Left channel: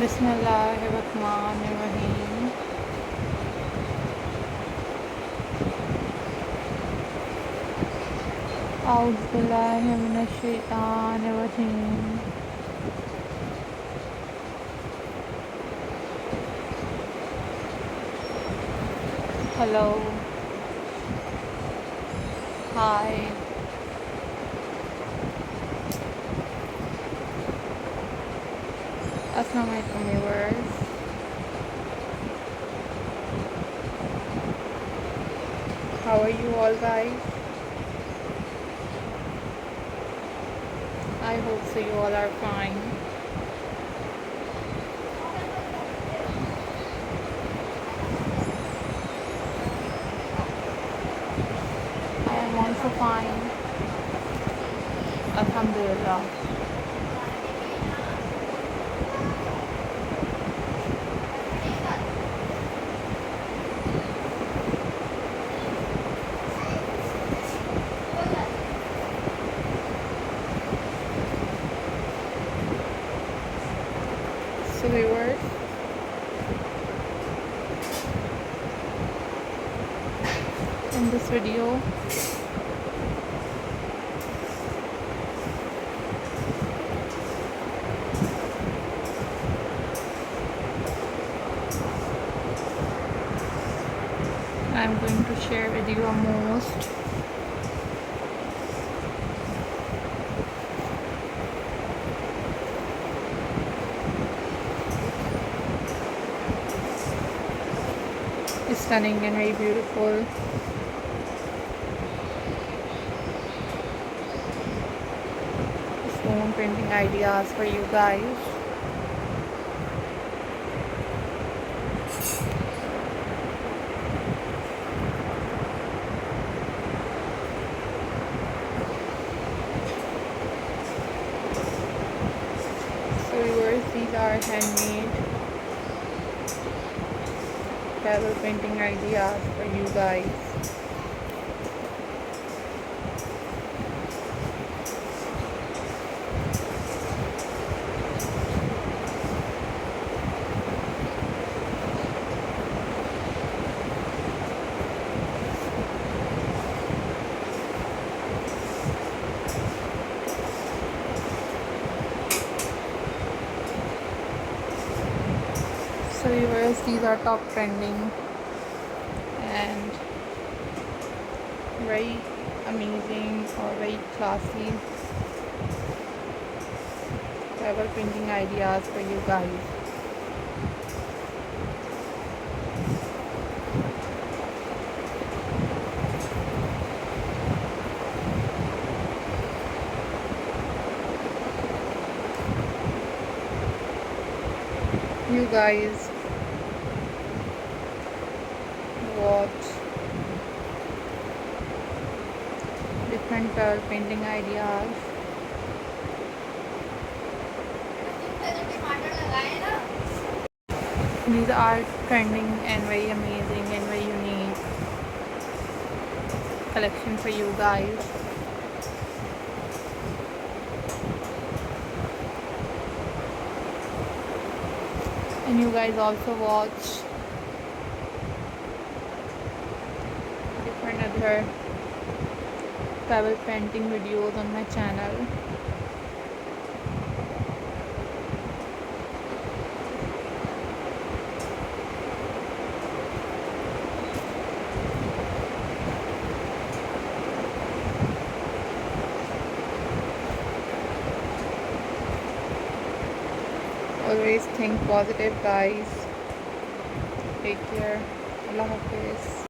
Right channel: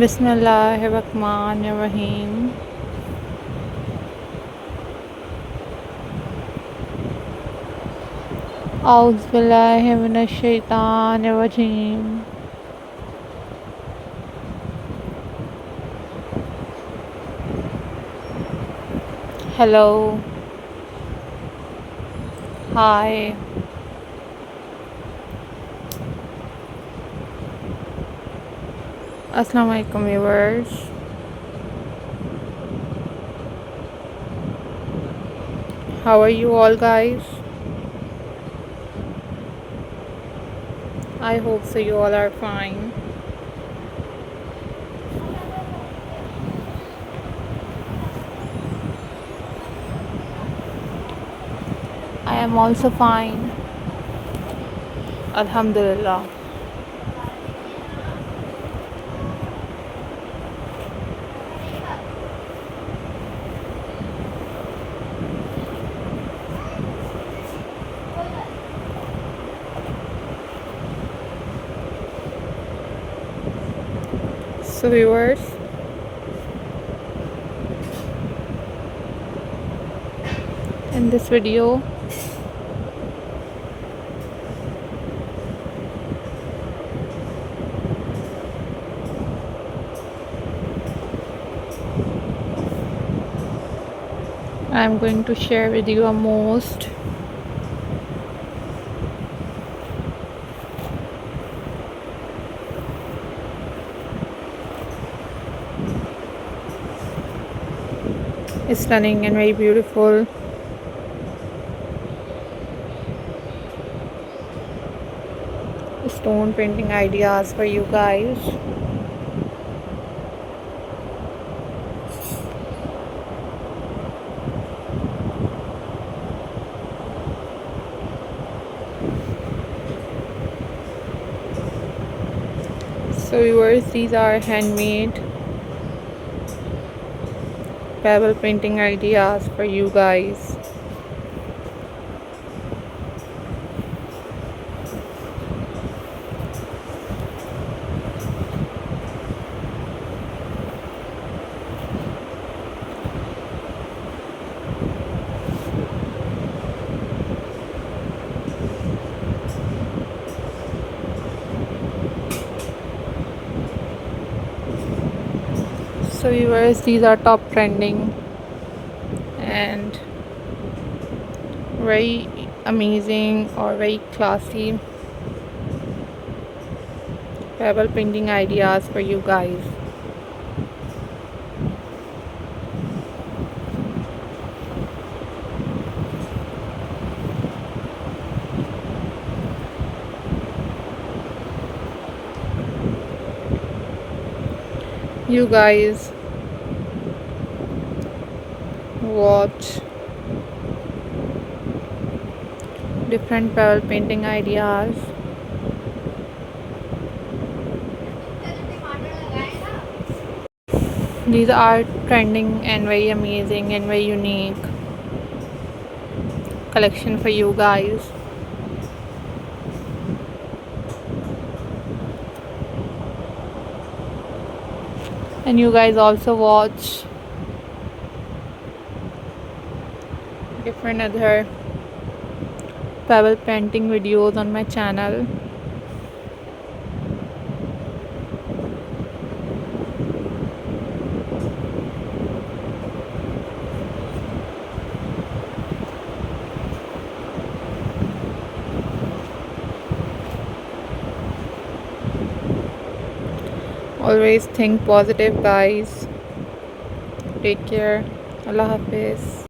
बिस्मिल्लाहिर्रहमानिर्रहीम। औज़ुबिल्लाहि मिनश्शैतानिर्रजीम। हेलो, हाय। अस्सलाम वालेकुम viewers. How are you all guys? I hope so you all are fine. I am also fine. Alhamdulillah. So viewers, in this video I am going to share with you a most stunning and very beautiful stone painting ideas for you guys. So viewers, these are handmade pebble painting ideas for you guys. So viewers, these are top trending and very amazing or very classy pebble painting ideas for you guys. You guys watch different pebble painting ideas. These are trending and very amazing and very unique collection for you guys. And you guys also watch different other pebble painting videos on my channel. Always think positive guys. Take care. Allah Hafiz.